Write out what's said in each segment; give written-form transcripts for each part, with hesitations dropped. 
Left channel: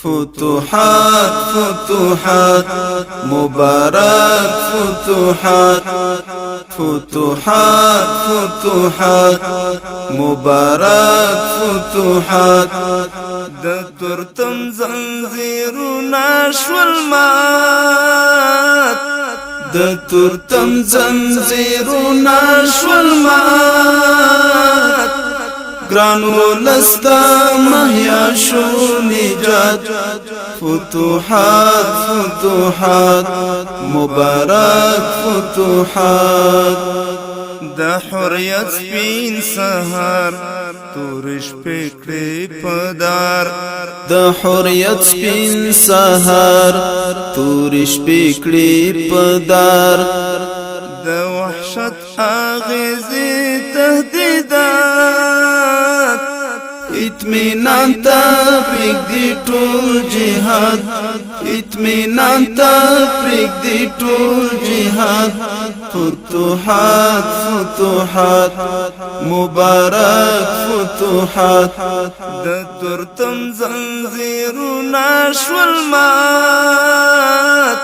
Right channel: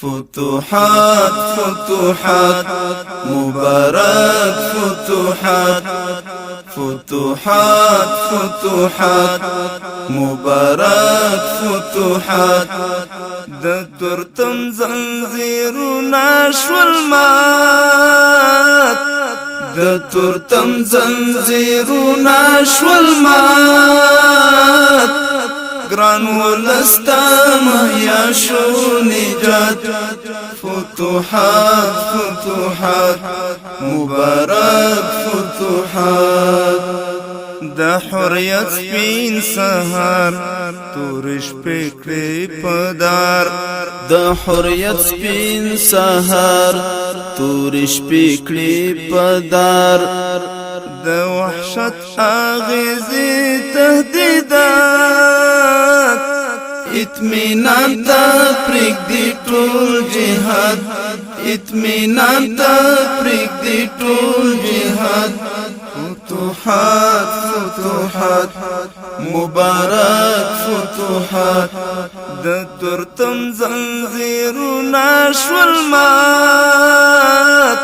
فتوحات فتوحات مبارك فتوحات فتوحات فتوحات مبارك فتوحات د تورتم زنځیرونه شول مات د تورتم زنځیرونه شول مات ګران ولستا مهیا شو نجات فتوحات فتوحات مبارک فتوحات د حریت سپین سهار تورش پکړې پدار د حریت سپین سهار تورش پکړې پدار د وحشت اغیزی تهدیدات اطمینان تا پریک دی ټول جهاد اطمینان تا پریک دی ټول جهاد فتوحات فتوحات مبارک فتوحات د تورتم زنځیرونه شول مات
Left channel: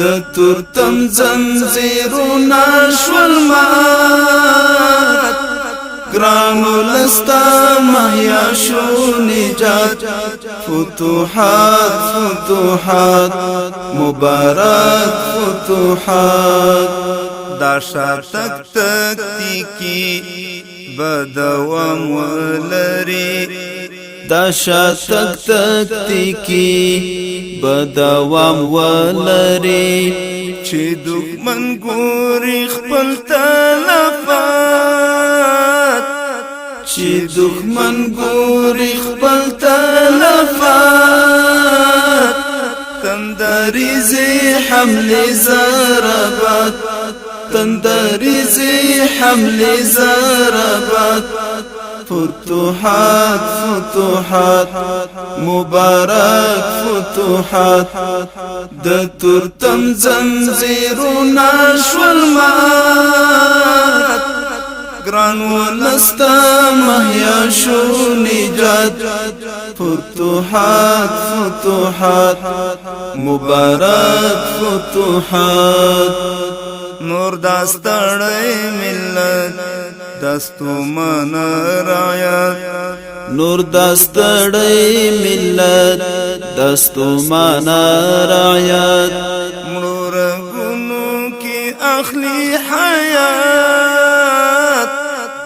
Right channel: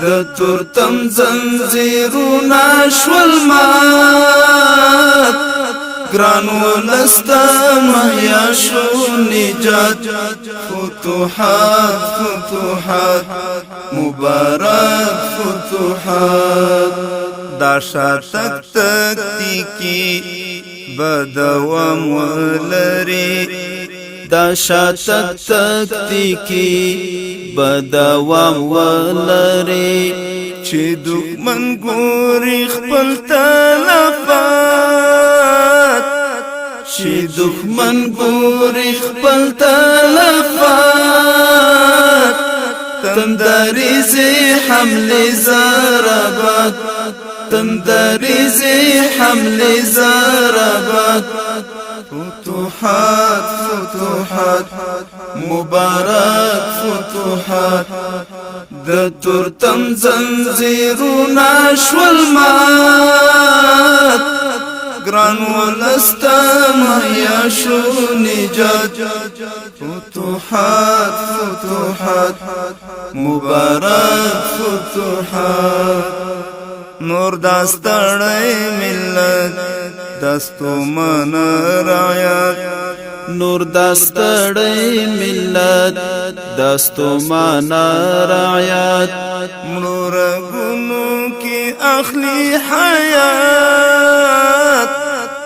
د تورتم زنځیرونه شول مات ګران ولستا مهیا شو نجات فتوحات فتوحات مبارک فتوحات دا شاتک تکتیکی بدوام ولری دا شاتک تکتیکی بدوام ولری چې دښمن ګوري خپل تلفات چې دښمن ګوري خپل تلفات تندریزي حمله ضربات تندریزي حمله ضربات فتوحات فتوحات مبارک فتوحات د تورتم زنځیرونه شول مات ګران ولستا مهیا شو نجات فتوحات فتوحات مبارک فتوحات نور داستړی ملت دستو من رعایت نور داستړی ملت دستو من رعایت مړو رګونو کې اخلي حیات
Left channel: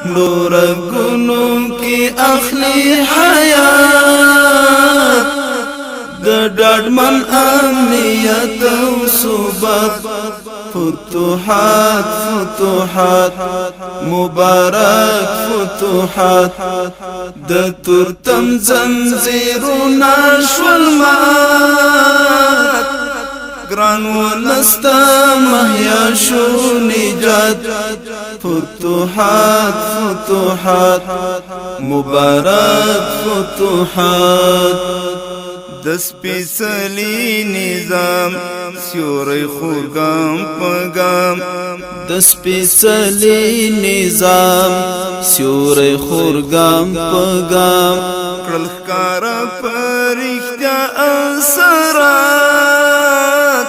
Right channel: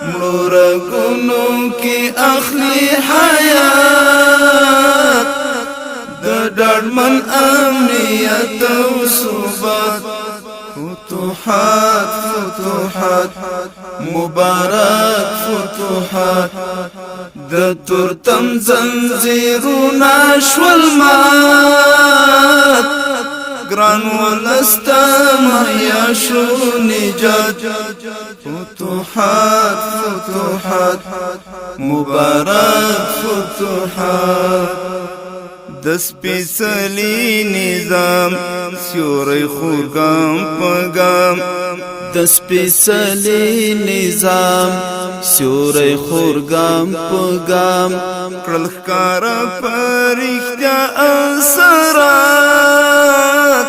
مړو رګونو کې اخلي حیات د ډاډمن امنیت او ثبات فتوحات فتوحات مبارک فتوحات د تورتم زنځیرونه شول مات ګران ولستا مهیا شو نجات فتوحات فتوحات مبارک فتوحات د سپېڅلي نظام سیوری خورګام پګام د سپېڅلي نظام سیوری خورګام پګام کړل ښکاره په رښتیا اثرات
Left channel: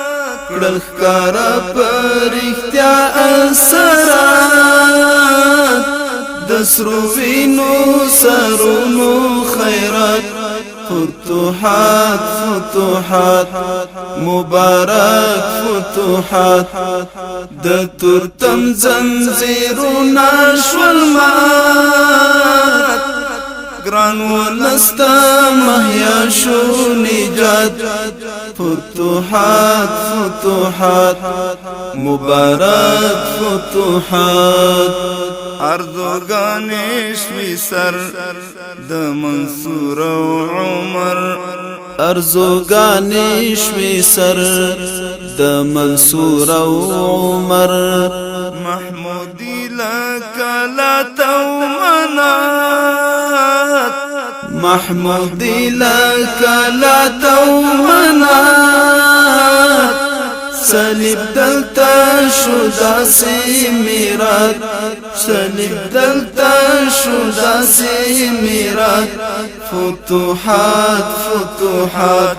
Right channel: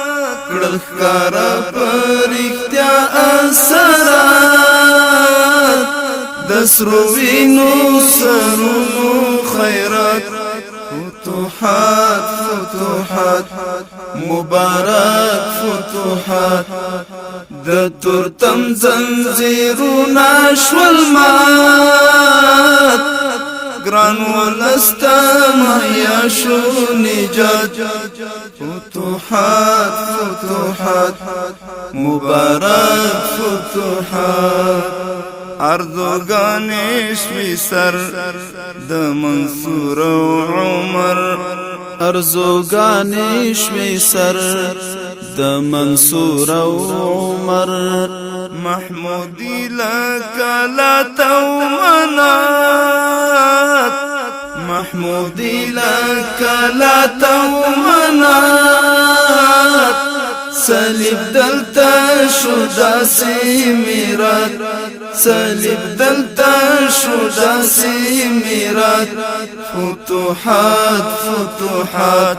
کړل ښکاره په رښتیا اثرات د سرو وینو سرونو خیرات فتوحات فتوحات مبارک فتوحات د تورتم زنځیرونه شول مات ګران ولستا مهیا شو نجات فتوحات فتوحات مبارک فتوحات ارزوګانې شوي سر د منصور او عمر ارزوګانې شوي سر د منصور او عمر محمودی لکلا تو منات محمودی لکلا تو منات صلیب دلتا شو داسې میرات صلیب دلتا شو داسی میرات فتوحات فتوحات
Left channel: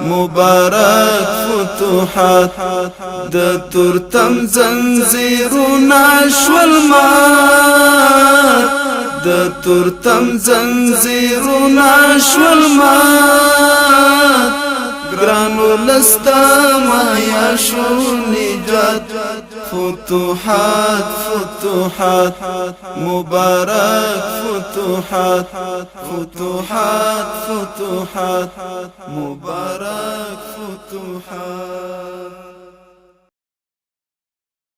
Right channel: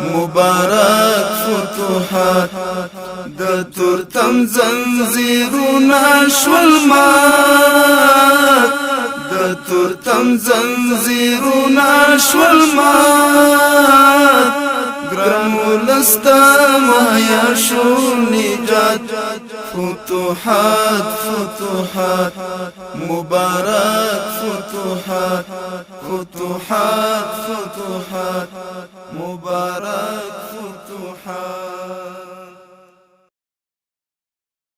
مبارک فتوحات د تورتم زنځیرونه شول مات د تورتم زنځیرونه شول مات ګران ولستا مهیا شو نجات فتوحات فتوحات مبارک فتوحات فتوحات فتوحات مبارک فتوحات